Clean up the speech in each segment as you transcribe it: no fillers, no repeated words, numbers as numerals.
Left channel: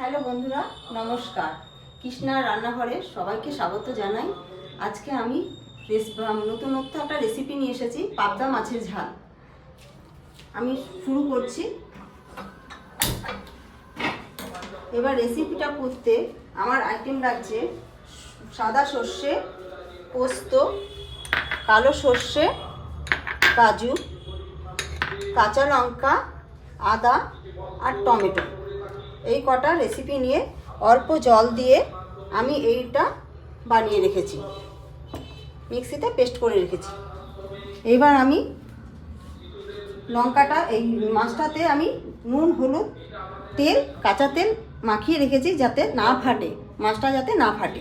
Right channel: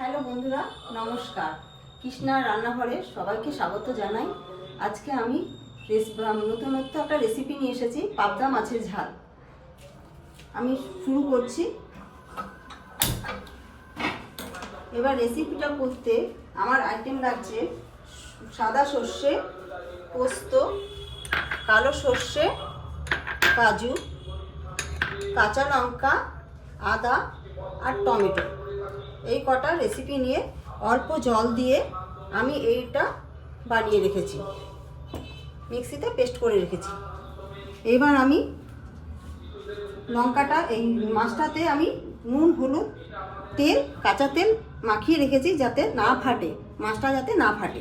Hello বন্ধুরা, নমস্কার। কৃষ্ণার রান্নাঘরে সবাইকে স্বাগত জানাই। আজকে আমি নতুনত্ব একটা রেসিপি নিয়ে এসেছি, পাবদা মাছের ঝাল। আমি শুরু করছি। এবার রেসিপিটা করতে আমার আইটেম লাগছে সাদা সর্ষে, পোস্ত, কালো সর্ষে, কাজু, কাঁচা লঙ্কা, আদা আর টমেটো। এই কটা রেসিপি নিয়ে অল্প জল দিয়ে আমি এইটা বানিয়ে রেখেছি, মিক্সিতে পেস্ট করে রেখেছি। এবার আমি লঙ্কাটা, এই মাছটাতে আমি নুন, হলুদ, তেল, কাঁচা তেল মাখিয়ে রেখেছি যাতে না ফাটে, মাছটা যাতে না ফাটে।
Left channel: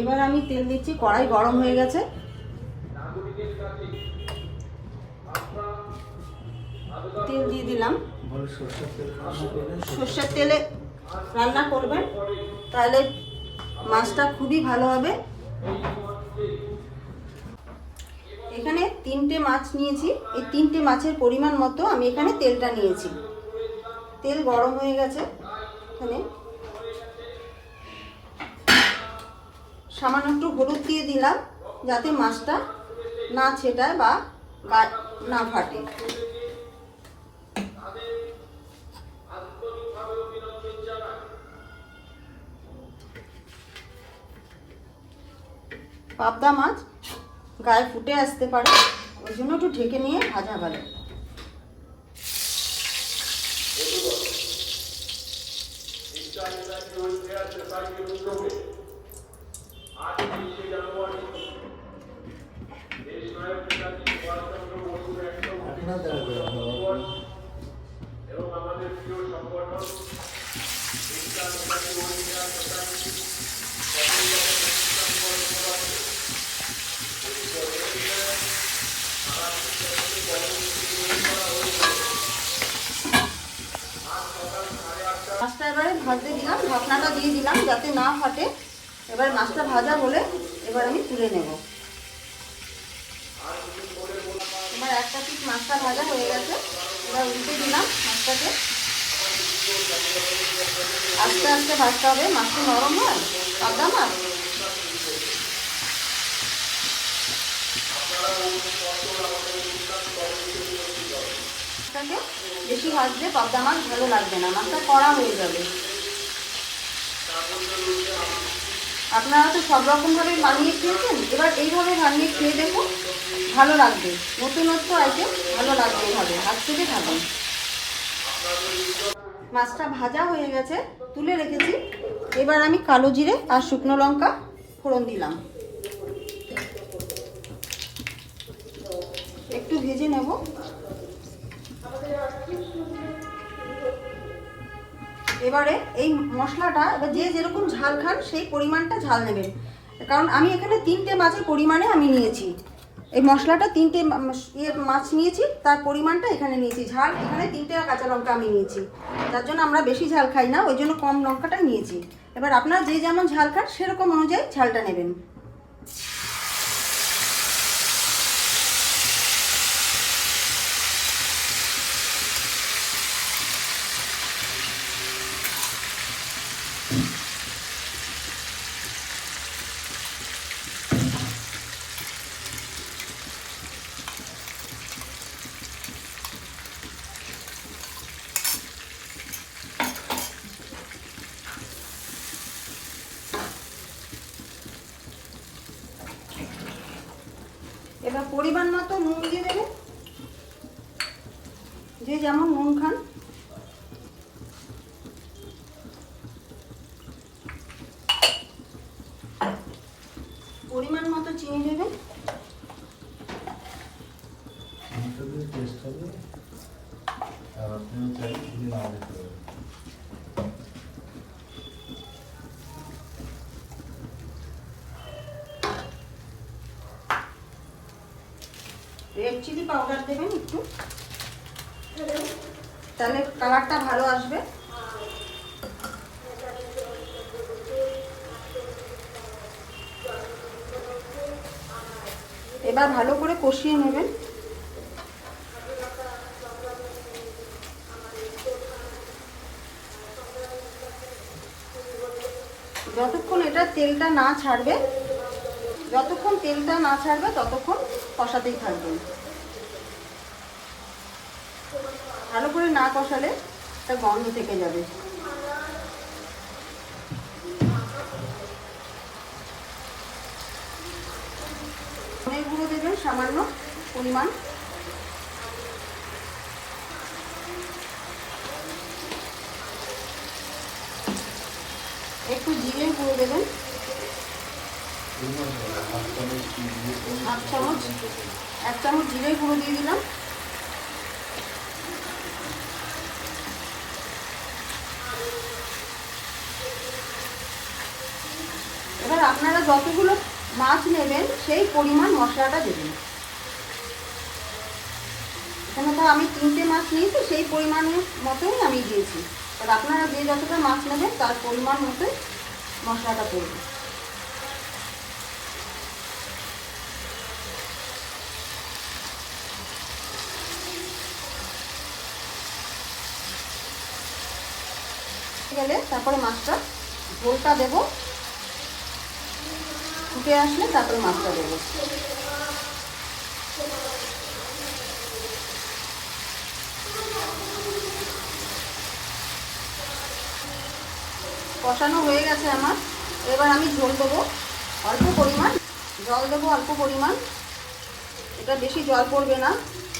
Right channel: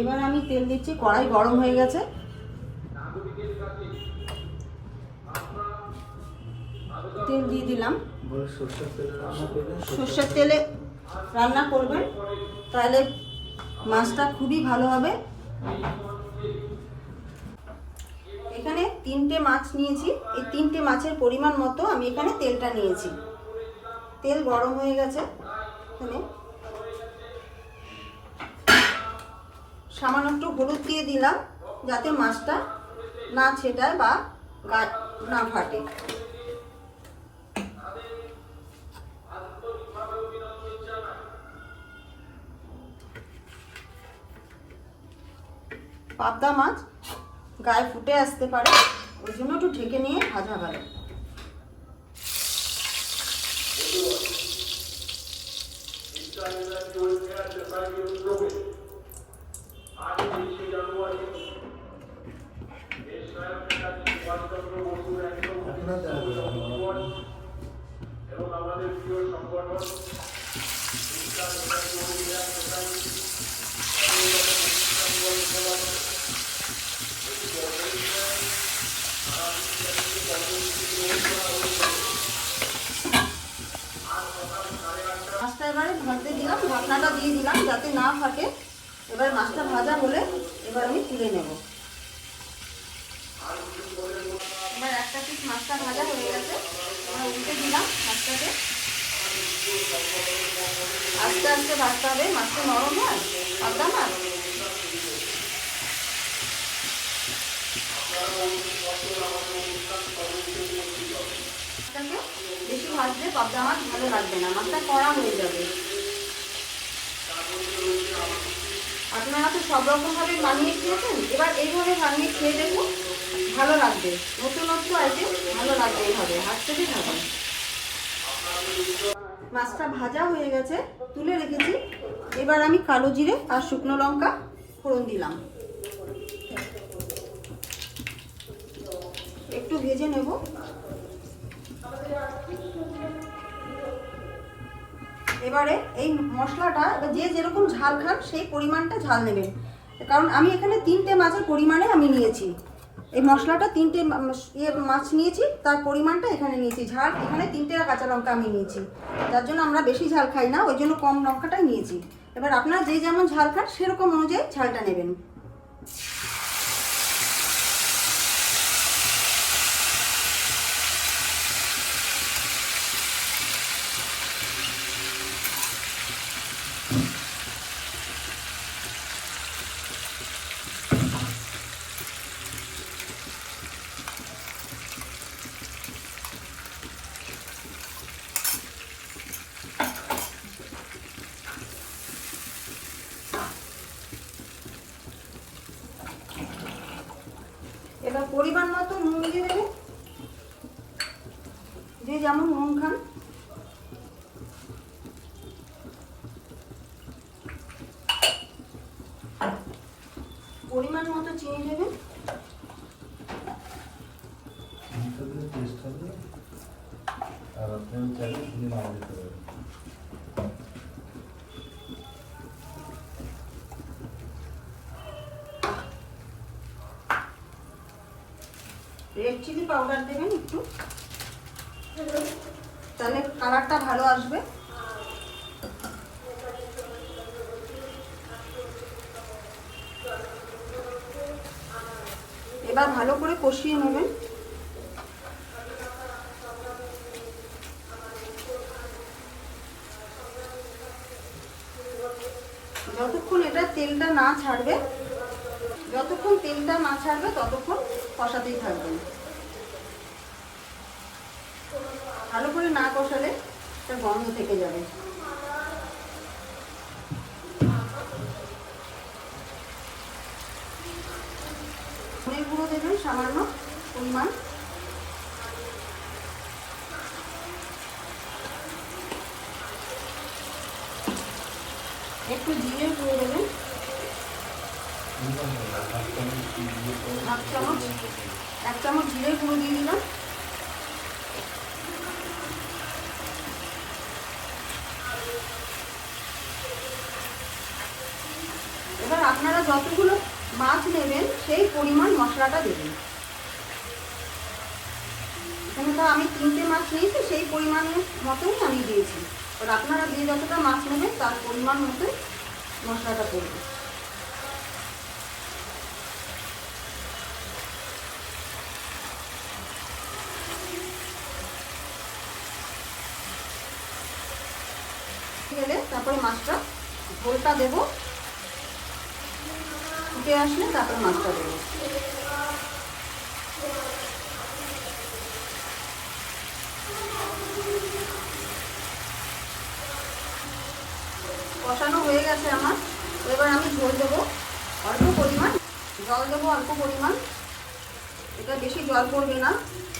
এবার আমি তেল দিচ্ছি, কড়াই গরম হয়ে গেছে। তেল দিয়ে দিলাম। সর্ষের তেলে রান্না করবেন, তাহলে মাছটা খুবই ভালো হবে। এখানে 3টে মাছ নিয়েছি, এই 3টে মাছের পরিমাণ মতো আমি এখানে তেলটা নিয়েছি। তেল গরম হয়ে গেছে। এখানে সামান্য একটু হলুদ দিয়ে দিলাম যাতে মাছটা না ছেটায় বা না ফাটে। পাবদা মাছ গায়ে ফুটে আসতে পারে, ওই জন্য একটু ঢেকে নিয়ে ভাজা ভালো। মাছটা এবারে ভাজতে দিলাম, ঢাকনাটা দিয়ে দিলাম যাতে না ফাটে। এবার মাছটা ভাজা হলে এবার আমি তুলে নেব। এবার একটা পিস মাছটা ভাজা হয়ে গেছে, এবার উল্টে দিলাম মাছটাকে। আস্তে আস্তে ভাজতে হবে, মাছটা নরম হয় পাবদা মাছ। বেশি ভাজলে পাবদা মাছ ভালো লাগবে না, মাছটা কড়া হয়ে যাবে। আপনারা তো সব রকমভাবে বানিয়ে খেয়েছেন, এবার এইভাবে বানিয়ে খেয়ে দেবো, ভালো লাগবে। নতুনত্ব আইটেম, ভালো লাগবে এইভাবে, হাত থেকে খাবেন। মাছটা ভাজা হয়ে গেছে, তুলে রেখেছি। এবার আমি কালো জিরে আর শুকনো লঙ্কা ফোড়ন দিলাম, একটু ভেজে নেব। এবারে এই মশলাটা, এবার যে যেরকম ঝাল খান সেই পরিমাণটা ঝাল নেবেন, কারণ আমি এখানে 3টে মাছের পরিমাণে আমি নিয়েছি। এই মশলাটা 3টে মাছ নিয়েছি, তার পরিমাণটা এখানে নিয়েছি। ঝাল এখানে 3টে কাঁচা লঙ্কা আমি নিয়েছি, যার জন্য আমরা বেশি ঝাল খাই না, ওই জন্য কম লঙ্কাটাই নিয়েছি। এবার আপনারা যে যেমন ঝাল খান সেরকম অনুযায়ী ঝালটা নেবেন। এবার পরিমাণ মতো নুন দিয়ে দেবেন, যে যেমন নুন খান। পরিমাণ মতো চিনি দেবেন। রেড চিলি পাউডার দেবেন একটু, তাহলে কালারটা ভালো আসবে। এবার ভালো করে কষিয়ে নেবেন। যতক্ষণ এটা তেলটা না ছাড়বে, যতক্ষণ তেলটা না ছাড়বে ততক্ষণ কষাতেই থাকবেন। ভালো করে না কষালে একটা গন্ধ থেকে যাবে। ধনের গুঁড়ো দেবেন সামান্য পরিমাণ, একটু জিরের গুঁড়ো দেবেন, এক চামচ জিরের গুঁড়ো দিয়ে দিলাম। এবার আপনারা যতগুলো মাছ নেবেন সেই পরিমাণ মশলাটা দেবেন। এখানে তো আমি 3টে মাছ নিয়েছি, সেই পরিমাণের মতোই আমি দিয়েছি। আর আপনারা যে যতটা মাছ নেবেন তার পরিমাণ মতোই মশলাটা করবেন। গেলে তারপরে মাছটা ঝোলটা দেবো, ফুটে আসলে তারপরে মাছটা দেবো। কষানো হয়ে গেছে আমার। এবার আমি ঝোল দেবো অল্প পরিমাণ, জল দেবো অল্প পরিমাণ। এটা বেশি জল পড়বে না,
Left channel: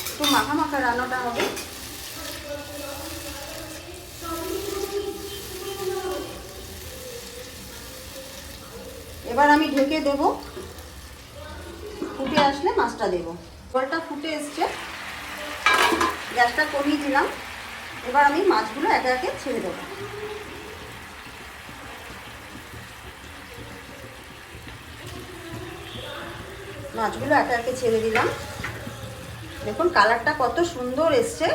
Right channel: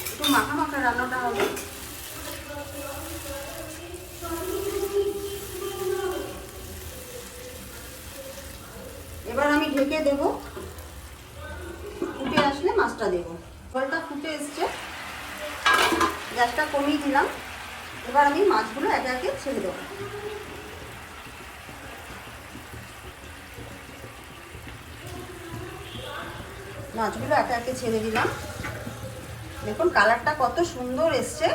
একটু মাখা মাখা রান্নাটা হবে। এবার আমি ঢেকে দেবো, ফুটে আসলে মাছটা দেবো। জলটা ফুটে এসছে, গ্যাসটা কমিয়ে দিলাম। এবার আমি মাছগুলো একে একে ছেড়ে দেবো। মাছগুলো একে একে ছেড়ে দিলাম। দেখুন কালারটা কত সুন্দর এসছে।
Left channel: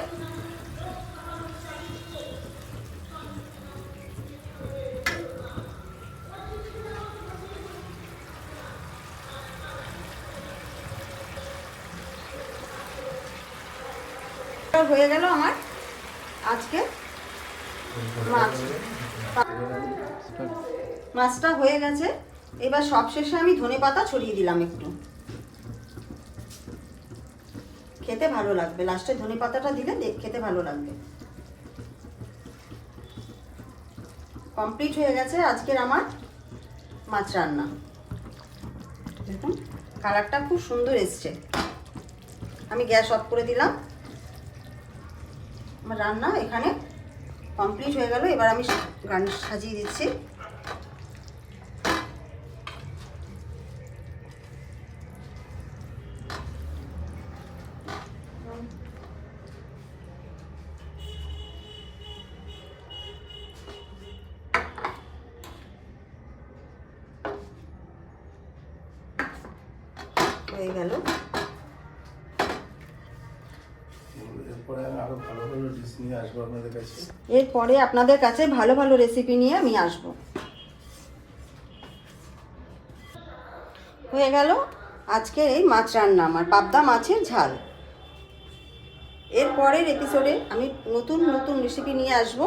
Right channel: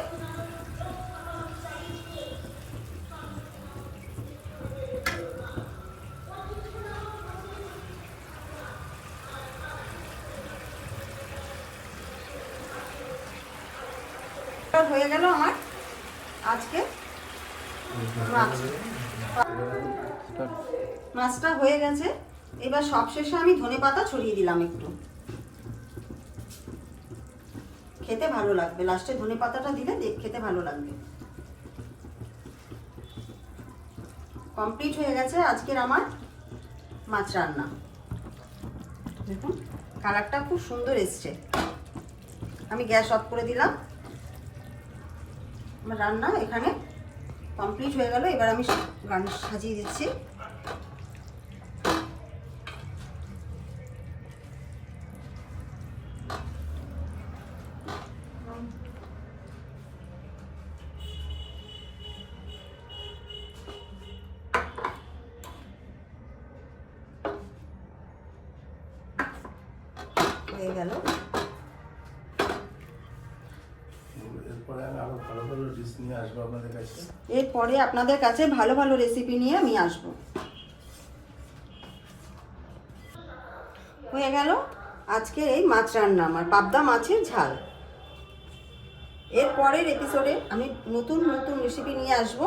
হয়ে গেল আমার আজকে মাছটা হয়ে গেছে। এবার সবশেষে আমি ধনেপাতা ছড়িয়ে দিলাম একটু, খেতে ভালো লাগবে। লাস্টে ধনেপাতাটা দিলে খেতে ভালো লাগবে। কমপ্লিট হয়ে গেছে আজকের আমার মাছ রান্না। দেখুন কালারটা খুব সুন্দর এসছে। আমি গ্যাস অফ করে দিলাম। আমার রান্না এখানে কমপ্লিট হয়ে গেল। এবার আমি গার্নিশ সাজিয়ে দিচ্ছি। হয়ে গেল। এরপরে আপনাদের কাছে ভালো ভালো রেসিপি নিয়ে আমি আসব। হয়ে গেল আজকের এই মাছ রান্না, আমার পাবদা মাছের ঝাল। এরপরের এপিসোডে আমি নতুন নতুন রেসিপি নিয়ে আসব।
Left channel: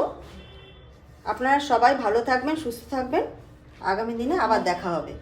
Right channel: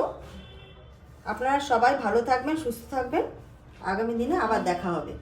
আপনারা সবাই ভালো থাকবেন, সুস্থ থাকবেন। আগামী দিনে আবার দেখা হবে।